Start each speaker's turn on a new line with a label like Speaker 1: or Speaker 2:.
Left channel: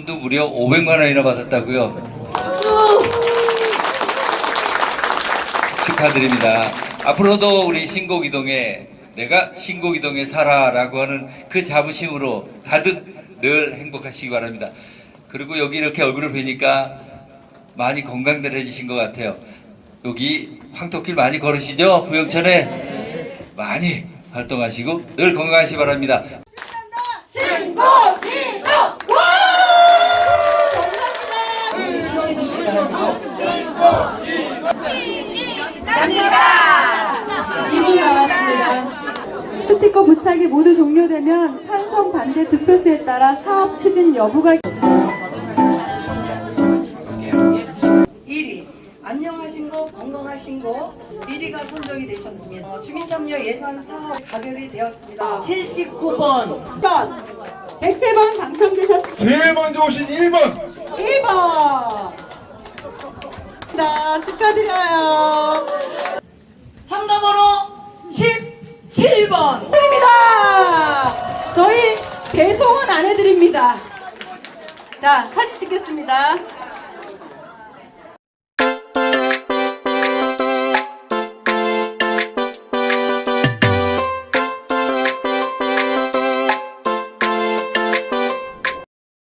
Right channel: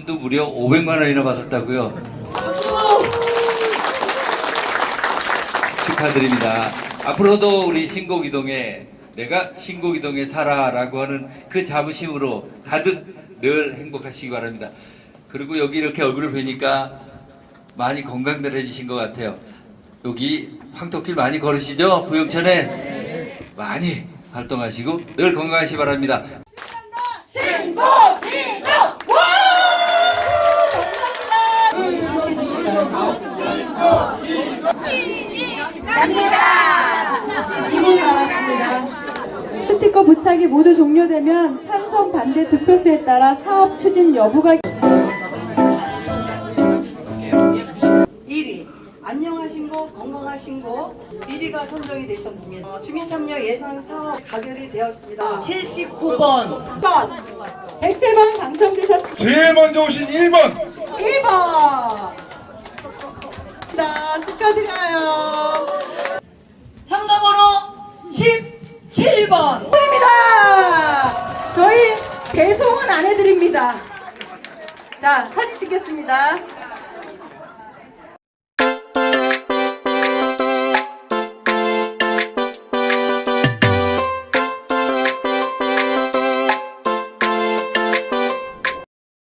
Speaker 1: 무려 500만 원이나 받았다고요. 축하드립니다. 앞으로도 우리 신곡이동에 내가 신곡이동에 살아라고 하는 그 자부심으로 가득 늘 행복하시기 바랍니다. 그리고 여기 이렇게 얼굴을 뵈니까 많이 건강들해지신 것 같아요. 여기 황토길 많이 걸으시죠? 부영천에 많이 활동하시고 늘 건강하시기 바랍니다.
Speaker 2: 스티커 부착이 모두 종료되면 찬성 반대 득표수에 따라 사업 추진 여부가 1위 안녕하신 거 건강하신 거 1위가 선정이 되셨습니다. 어, 주민참여 예산 사업 가결이 되었습니다.
Speaker 3: 79번
Speaker 2: 1번 백채만 당첨되셨습니다.
Speaker 4: 제일 먼저 오신 1번
Speaker 2: 1번
Speaker 3: 17번
Speaker 2: 드립니다. 저희 배송은 안 해드립니다. 자, 사진 찍겠습니다.